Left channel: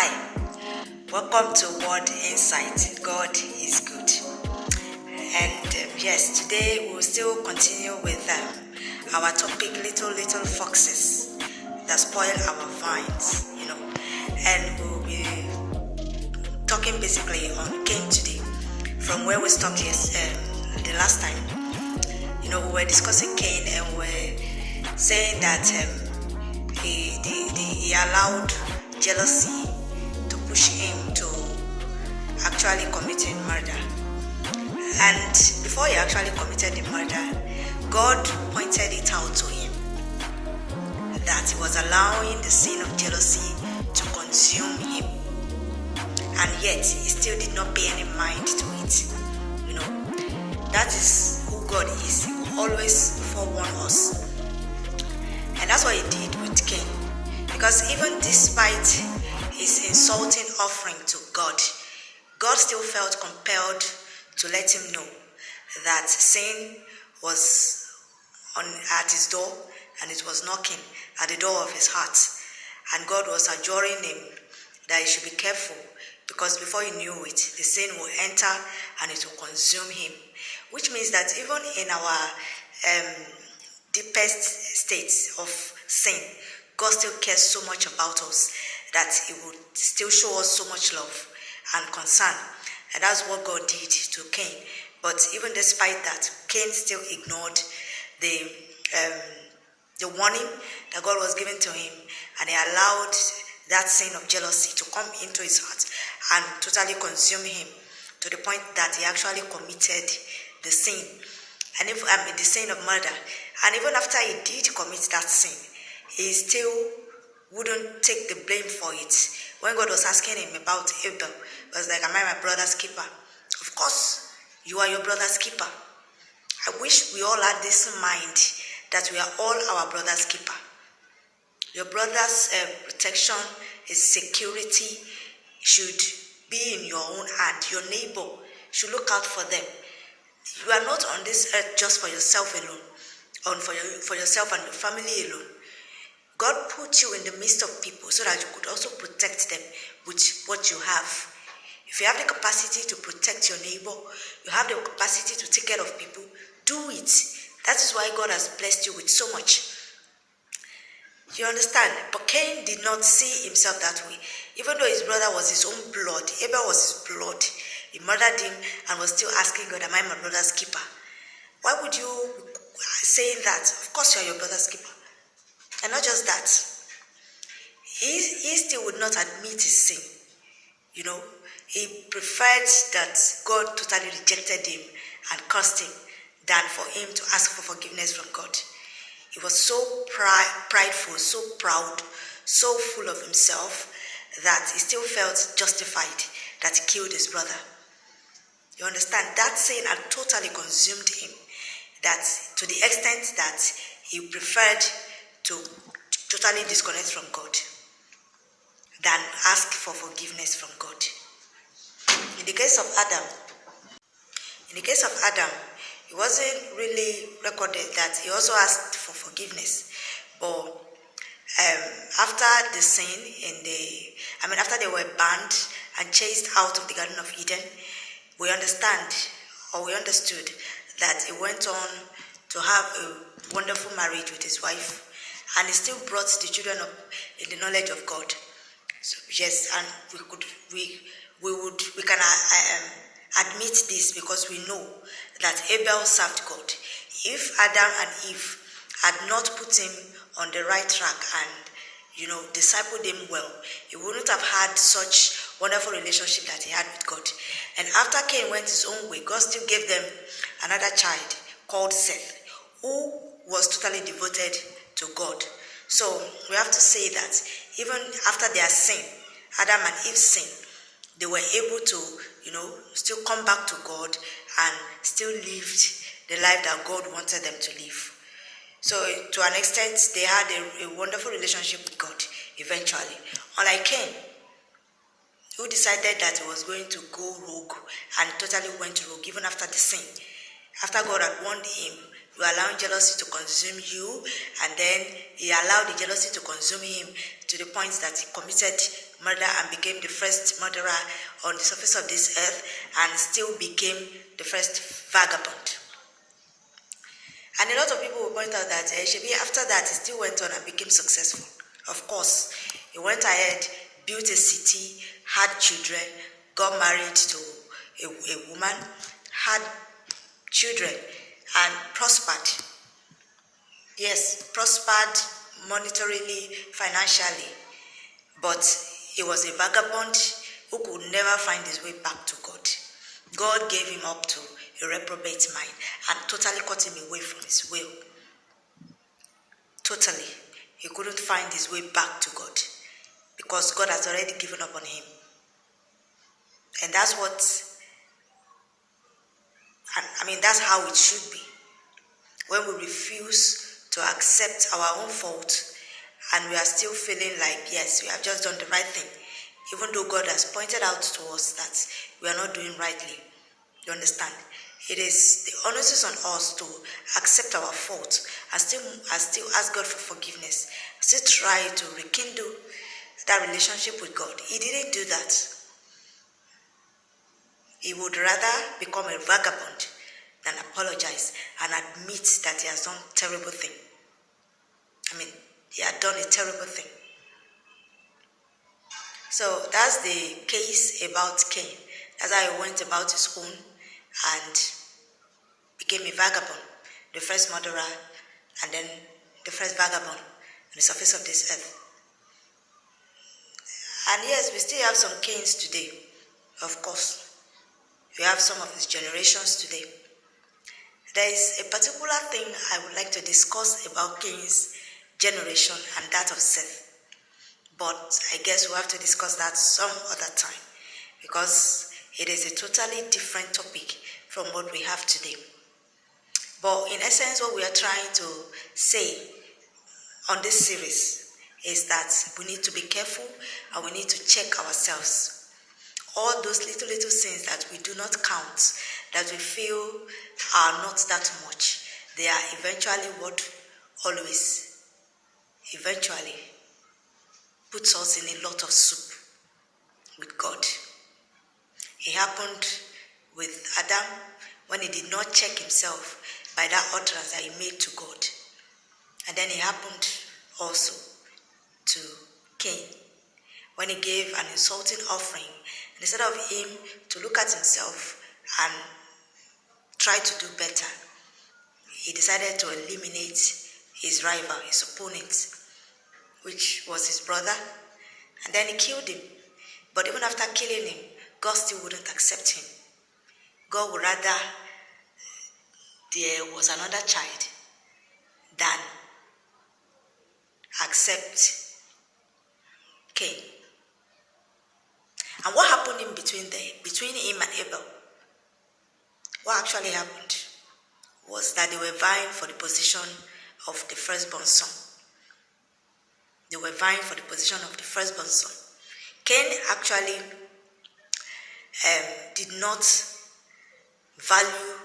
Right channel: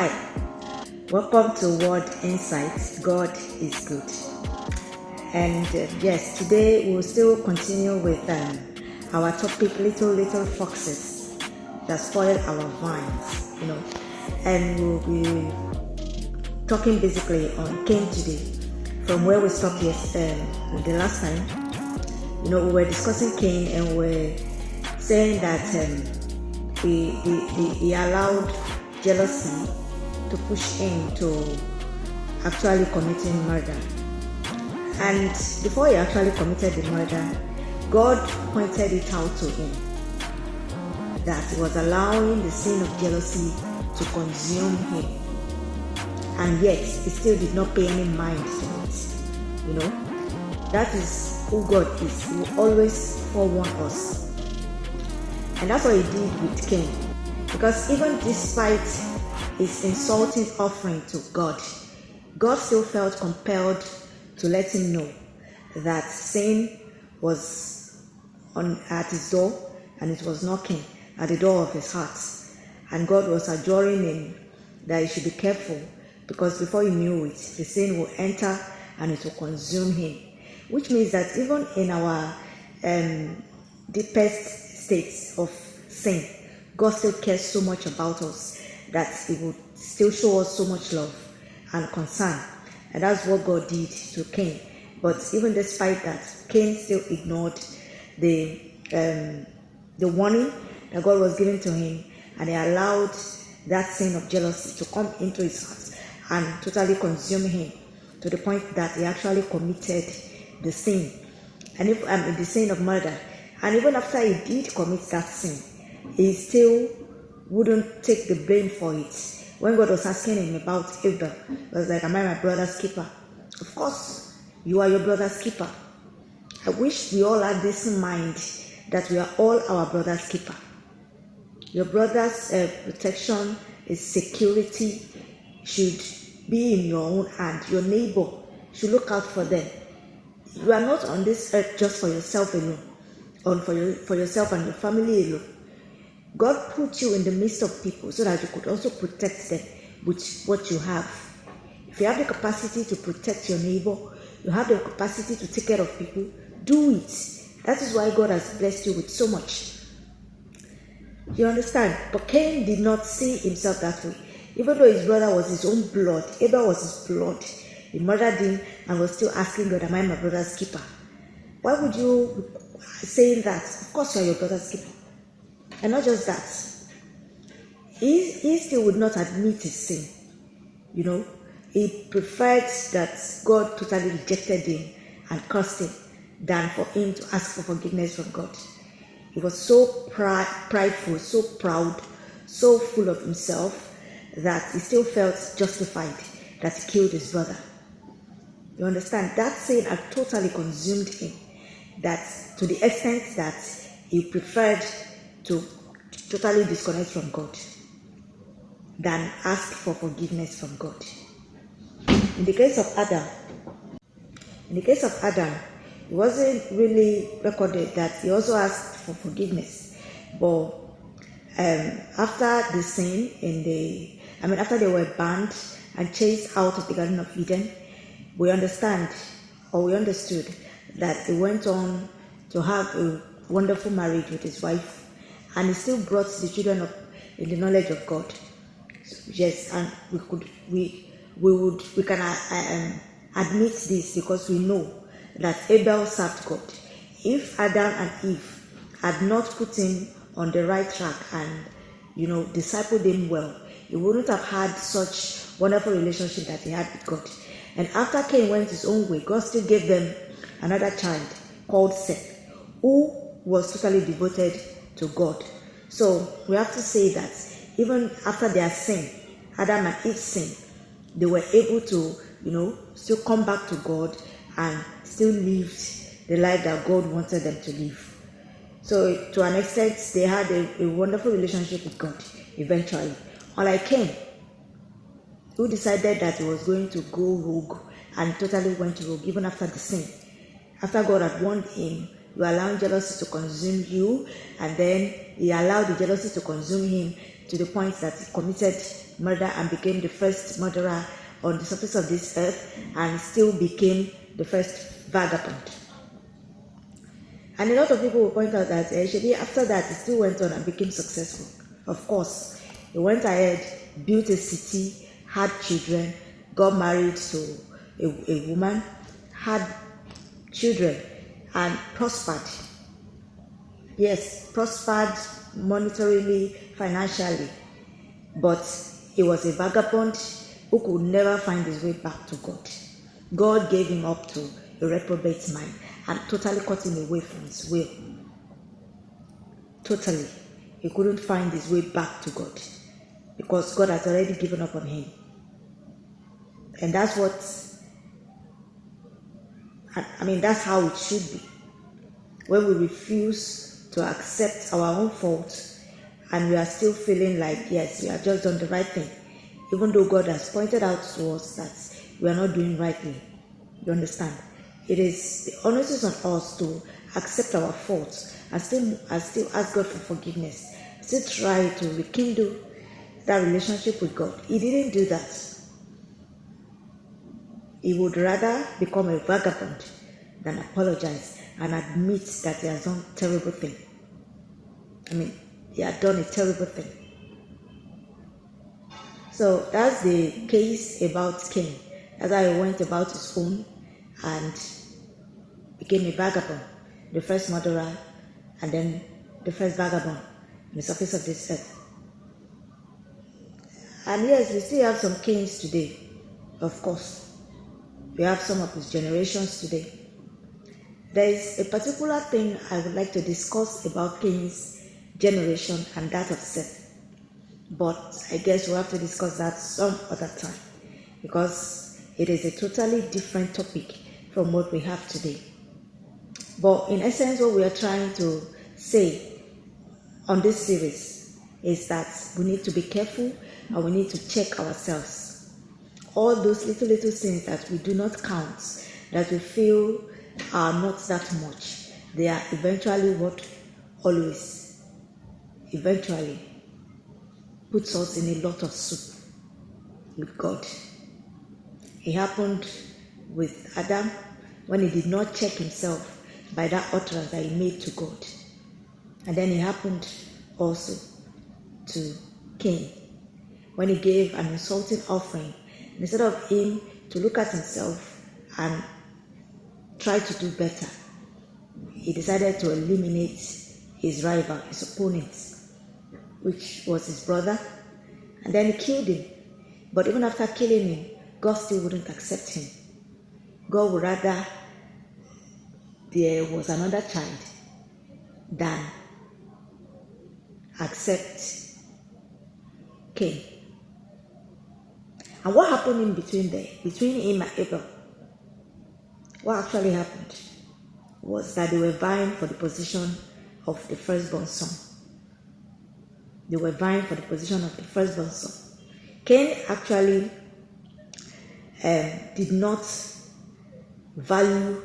Hi, welcome to Word Insight. God is good. And yes, today we'll still continue with our topic, little foxes that spoil our vines, and we'll be talking basically on Cain today, from where we stopped the last time. We were discussing Cain and we're saying that he allowed jealousy to push him to actually committing murder. And before he actually committed the murder, God pointed it out to him that he was allowing the sin of jealousy to consume him. And yet, he still did not pay any mind to it. That is who God is. He will always forewarn us. And that's what he did with Cain. Because even despite his insulting offering to God, God still felt compelled to let him know that sin was at his door and it was knocking at the door of his heart. And God was adjuring him that he should be careful, because before he knew it, the sin will enter and it will consume him. Which means that even in our deepest states of sin, God still cares so much about us that he would still show us so much love and concern. And that's what God did to Cain. But even despite that, Cain still ignored the warning that God was giving to him, and he allowed that sin of jealousy to come into his heart and totally consume him, to the point that he actually committed the sin, and the sin of murder. And even after he did commit that sin, he still wouldn't take the blame for it. When God was asking him about Abel, he was like, am I my brother's keeper? Of course, you are your brother's keeper. I wish we all had this mind that we are all our brother's keeper. Your brother's protection, his security should be in your own hand. Your neighbor should look out for them. You are not on this earth just for yourself alone, or for yourself and your family alone. God put you in the midst of people so that you could also protect them with what you have. If you have the capacity to protect your neighbor, you have the capacity to take care of people, do it. That is why God has blessed you with so much. You understand? But Cain did not see himself that way. Even though his brother was his own blood, Abel was his blood, he murdered him and was still asking God, am I my brother's keeper? Why would you say that? Of course you are your brother's keeper. And not just that, he still would not admit his sin. He preferred that God totally rejected him and cursed him than for him to ask for forgiveness from God. He was so prideful, so proud, so full of himself that he still felt justified that he killed his brother. You understand? That sin had totally consumed him, that to the extent that he preferred to totally disconnect from God than ask for forgiveness from God. In the case of Adam, it wasn't really recorded that he also asked for forgiveness. But after the sin after they were banned and chased out of the Garden of Eden, we understood that he went on to have a wonderful marriage with his wife, and he still brought the children up in the knowledge of God. So, yes, and we can admit this because we know that Abel served God. If Adam and Eve had not put him on the right track and discipled him well, he wouldn't have had such wonderful relationship that he had with God. And after Cain went his own way, God still gave them another child called Seth, who was totally devoted to God. So we have to say that even after their sin, Adam and Eve's sin, they were able to, still come back to God and still lived the life that God wanted them to live. So to an extent, they had a wonderful relationship with God eventually. Unlike Cain, who decided that he was going to go rogue and totally went rogue even after the sin. After God had warned him You are allowing jealousy to consume you, and then he allowed the jealousy to consume him to the point that he committed murder and became the first murderer on the surface of this earth, and still became the first vagabond. And a lot of people will point out that after that, he still went on and became successful. Of course, he went ahead, built a city, had children, got married to a woman, had children, and prospered. Yes, prospered monetarily, financially. But he was a vagabond who could never find his way back to God. God gave him up to a reprobate mind and totally cut him away from his will. Totally. He couldn't find his way back to God because God has already given up on him. And that's that's how it should be. When we refuse to accept our own fault and we are still feeling like, yes, we have just done the right thing, even though God has pointed out to us that we are not doing rightly. You understand? It is the onus on us to accept our fault and still ask God for forgiveness. Still try to rekindle that relationship with God. He didn't do that. He would rather become a vagabond than apologize and admit that he has done a terrible thing. He had done a terrible thing. So that's the case about Cain. That's how he went about his own and became a vagabond, the first murderer, and then the first vagabond on the surface of this earth. And yes, we still have some Cains today, of course. We have some of his generations today. There is a particular thing I would like to discuss about Cain's generation and that of Seth. But I guess we'll have to discuss that some other time because it is a totally different topic from what we have today. But in essence, what we are trying to say on this series is that we need to be careful and we need to check ourselves. All those little sins that we do not count, that we feel are not that much, they are eventually puts us in a lot of soup with God. It happened with Adam when he did not check himself by that utterance that he made to God. And then it happened also to Cain when he gave an insulting offering. And instead of him to look at himself and try to do better, he decided to eliminate his rival, his opponent, which was his brother, and then he killed him. But even after killing him, God still wouldn't accept him. God would rather there was another child than accept Cain. And what happened in between him and Abel? What actually happened was that they were vying for the position of the firstborn son. They were vying for the position of the firstborn son. Cain actually did not value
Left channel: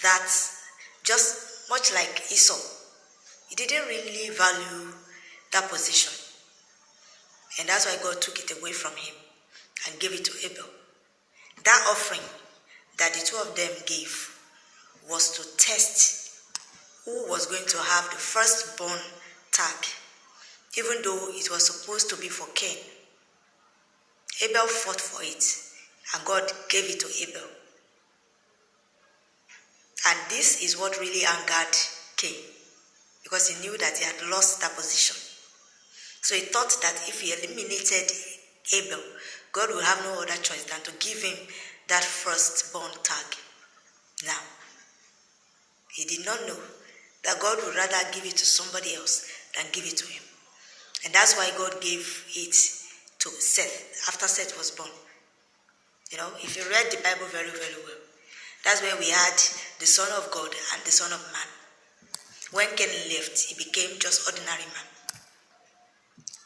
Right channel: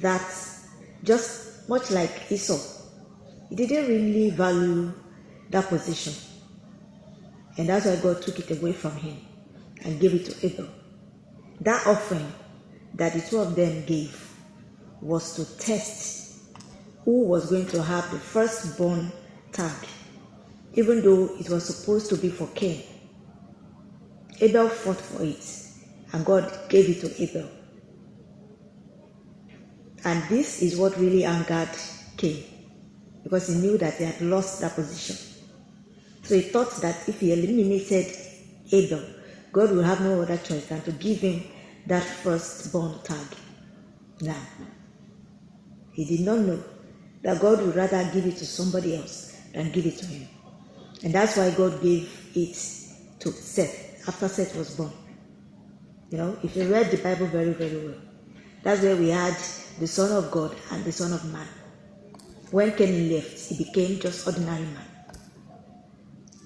that, just much like Esau. He didn't really value that position. And that's why God took it away from him and gave it to Abel. That offering that the two of them gave was to test who was going to have the firstborn tag, even though it was supposed to be for Cain. Abel fought for it, and God gave it to Abel. And this is what really angered Cain, because he knew that he had lost that position. So he thought that if he eliminated Abel, God would have no other choice than to give him that firstborn tag. Now, he did not know that God would rather give it to somebody else than give it to him. And that's why God gave it to Seth after Seth was born. If you read the Bible very, very well, that's where we had the Son of God and the Son of Man. When Cain left, he became just ordinary man.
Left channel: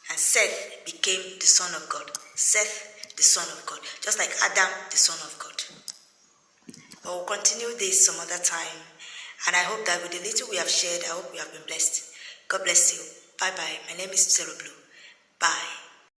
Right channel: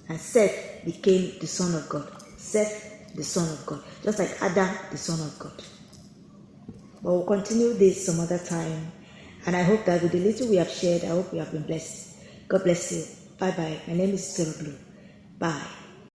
And Seth became the Son of God. Seth, the Son of God. Just like Adam, the Son of God. But we'll continue this some other time. And I hope that with the little we have shared, I hope we have been blessed. God bless you. Bye bye. My name is Sarah Blue. Bye.